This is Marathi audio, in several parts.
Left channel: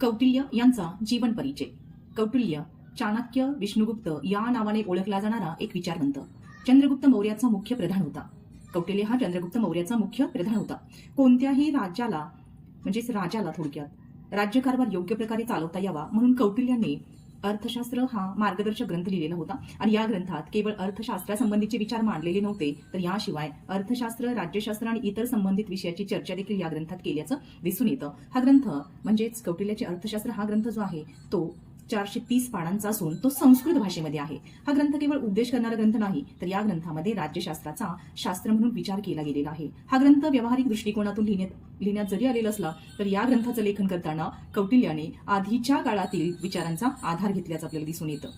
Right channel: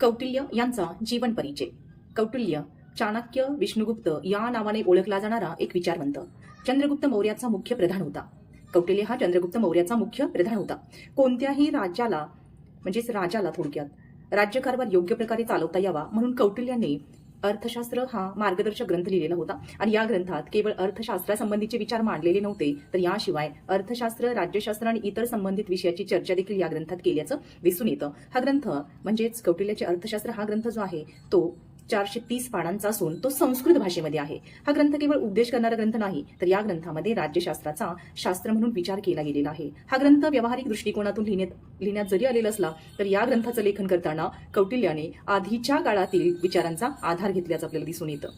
कौटिल्य यांचा जीवन परिचय. कौटिल्य चाणक्य विष्णुगुप्त या नावाने ओळखला जाणारा एक विचारवंत. चंद्रगुप्त मौर्याचा मुख्य प्रधान होता. कौटिल्य हा चंद्रगुप्त मौर्याचा मुख्य प्रधान होता. कोणत्याही राज्याला म्हणजेच राजाला थोडक्यात राज्यकारभार योग्य प्रकारे चालवता यावा म्हणून कौटिल्याने अर्थशास्त्र हा मार्गदर्शक ग्रंथ लिहिलेला होता. आणि या ग्रंथात केवळ अर्थशास्त्रासंबंधीचे विचार मांडलेले नव्हते, तर याशिवाय अर्थशास्त्र, राज्यशास्त्र आणि इतर संबंधित विषयाची चर्चा देखील या ग्रंथात केल्याचं दिसून येतं. हा ग्रंथ म्हणजेच कौटिल्याचे अर्थशास्त्र हा ग्रंथ जो आहे तो 430 पानांचा असून तो संस्कृत भाषेमध्ये आहे. हा ग्रंथ केवळ उपदेश करणारा ग्रंथ नाही, तर या ग्रंथामध्ये राज्यशास्त्राचा शास्त्र म्हणून विचार केला गेलेला आहे. हा ग्रंथ व्यावहारिक दृष्टिकोनातून लिहिण्यात जरी आलेला असला तर या ग्रंथाचं लेखन करताना कौटिल्याने आधीच्या काळातील विचारांचा आधार घेतल्याचं आपल्याला दिसून येतं.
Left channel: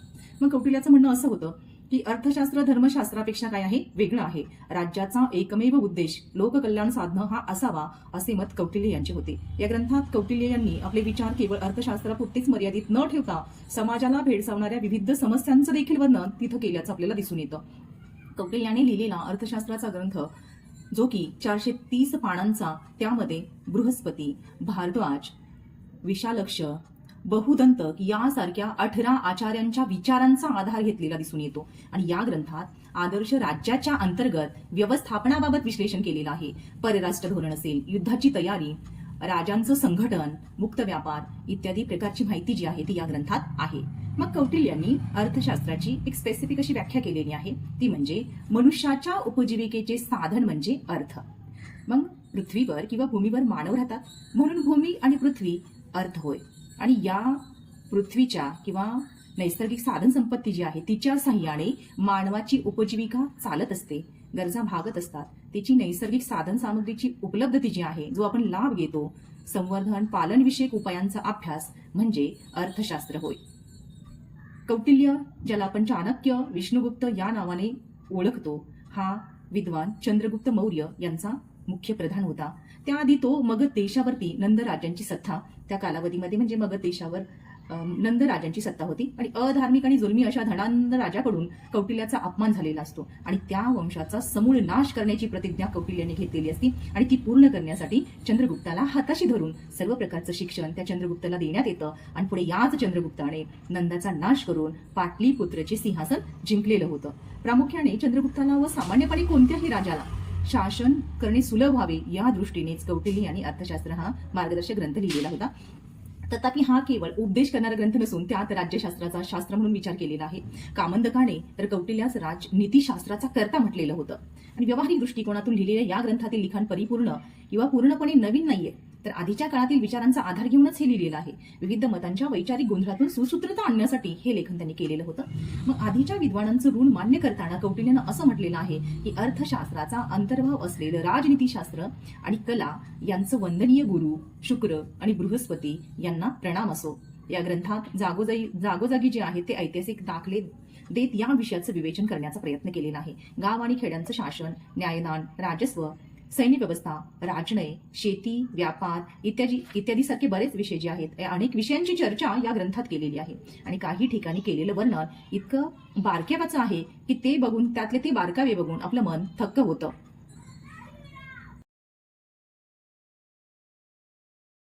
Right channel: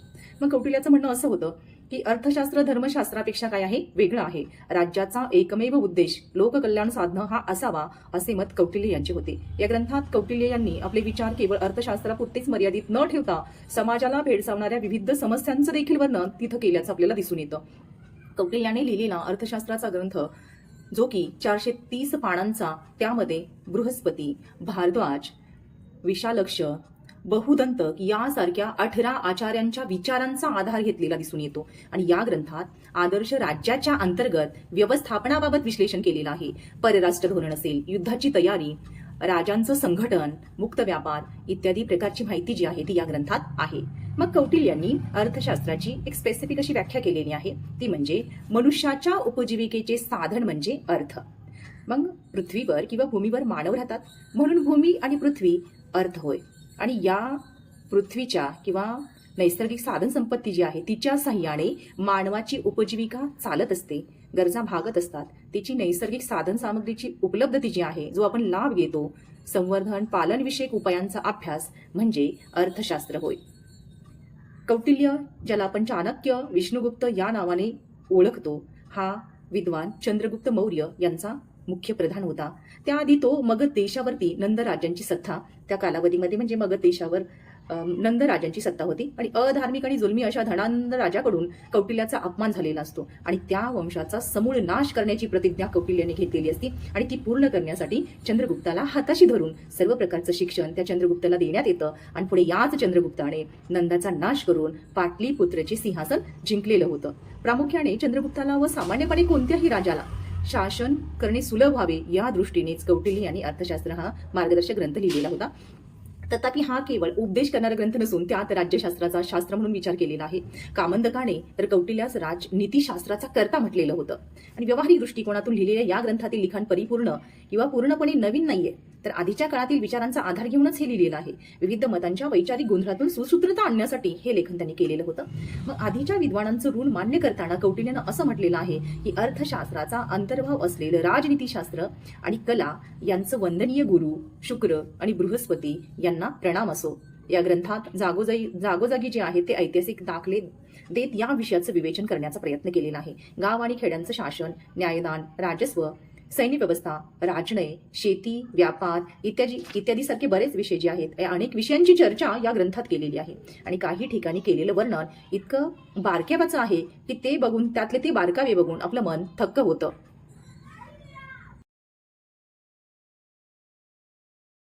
मग कौटिल्याचं म्हणणं असं होतं की अर्थशास्त्र धर्मशास्त्रापेक्षा काय आहे, वेगळं आहे. राज्याचा एकमेव उद्देश लोककल्याण साधणं हा असावा, असे मत कौटिल्य यांचे होते. या ग्रंथात कौटिल्य यांनी आपले विचार केवळ अर्थशास्त्रापुरतेच मर्यादित न ठेवता समाजाला भेडसावणाऱ्या विविध समस्यांचं देखील वर्णन तिथं केल्याचं आपल्याला दिसून येतं. कौटिल्याने लिहिलेला अर्थशास्त्राचा ग्रंथ जो की 430 पानांचा, त्यामध्ये बृहस्पती, भारद्वाज, विशालक्ष, बहुदंत यासारख्या 18 आचार्यांच्या विचारांचा आधार घेतलेला दिसून येतो. आणि या ग्रंथात आदर्श राज्याच्या अंतर्गत व्यवस्थापनाबाबत विश्लेषण केलेलं आहे. परराष्ट्र धोरण असेल, युद्धाची तयारी, राजांचं संघटन, मुक्त व्यापार इत्यादी प्रकारची माहिती जी आहे ती या ग्रंथात आहे. मग कौटिल्यांनी अर्थशास्त्राची एक स्पेसिफिक अशी व्याख्या केलेली आहे, ती म्हणजे मनुष्याच्या उपजीविकेचे साधन म्हणजे अर्थ. मग पृथ्वीवर किंवा भूमीवर मानव राहतात म्हणून भूमी आणि पृथ्वी अर्थ होय. आणि या पृथ्वीच्या किंवा नैसर्गिक साधन संपत्ती जी आहे तिच्या साह्याने मानवाची उपजीविका चालत असते, गरजा भागत असतात. तिची नैसर्गिक साधन सामग्रीची उपलब्धता जी आहे, जो आपण लाभ घेतो, संवर्धन पालनविषयक उपायांचा अभ्यास म्हणजे अर्थशास्त्र होय. कौटिल्य, ज्याला आपण चाणक्य विष्णुगुप्त या नावाने ओळखतो, हा विद्वान चंद्रगुप्त मौर्य यांचा मुख्य प्रधान होता. त्याआधी तो मगध देशावरती नंद राजांची सत्ता, त्या कालावधीमध्ये म्हणजे मगध देशावर नंद राजांची सत्ता होती. आणि अधार्मिक आणि जुलमी अशा धनानंद राजाकडून कौटिल्याचा अपमान झालेला असतो. आणि त्या वंशाचा समूळ नाश करण्याची प्रतिज्ञा कौटिल्याने घेतलेली असती. आणि ती पूर्ण करण्यासाठी चंद्रगुप्ताला हाताशी धरून सर्व प्रकारचं शिक्षण त्या चंद्रगुप्ताला देण्यात येतं. आणि पुढे याच चंद्रगुप्ताने नंदाचा नाश करून पाटलीपुत्रचे सिंहासन जिंकलेलं होतं. प्रामुख्याने चंद्रगुप्ताला व सामान्यपणे कोणत्याही राजाला शासन करणे सुलभ व्हावे या दृष्टीनेच कौटिल्य यांनी अर्थशास्त्र हा मार्गदर्शक ग्रंथ लिहिलेला होता. तथापि हा केवळ उपदेश करणारा ग्रंथ नसून त्यात राज्यशास्त्राचा शास्त्र म्हणून विचार केलेला आहे. कामंदकाने तर कौटिल्यास राजनीतीशास्त्राचा कर्ता म्हटलेलं होतं. आणि व्यावहारिक दृष्टिकोनातून लिहिलेल्या या ग्रंथातील लिखाण परिपूर्ण किंवा पूर्णपणे नवीन नाहीये, तर आधीच्या काळातील विचारांचा आधार घेऊनच हे लिहिलेलं आहे. विविध मतांच्या वैचारिक गोंधळातून सुसूत्रता आणण्यासाठी हे लेखन त्यांनी केलेलं होतं. मग आधीच्या विद्वानांचं ऋण मान्य करताना कौटिल्यानं असं म्हटलेलं आहे की अर्थशास्त्राचा अंतर्भाव असलेलं राजनीतीशास्त्र आणि कला यांचं वंदनीय गुरु शुक्र आणि बृहस्पती यांना प्रणाम असो. या ग्रंथात जागोजागी जे आहे ते ऐतिहासिक दाखले देत या विषयाचं विवेचन करण्याचा प्रयत्न केलेला आहे. गाव आणि खेड्यांचं शासन, न्यायदान, राजस्व, सैन्य व्यवस्था, राजनय, शेती, व्यापार इत्यादी सारखे बरेच विषय जे आहेत, या अनेक विषयांची चर्चा या ग्रंथात केलेली आहे. आणि काही ठिकाणी केलेलं वर्णन इतकं बारकाव्याचं आहे की ते बघून, त्यातले ते बारकावे बघून आपलं मन थक्क होतं.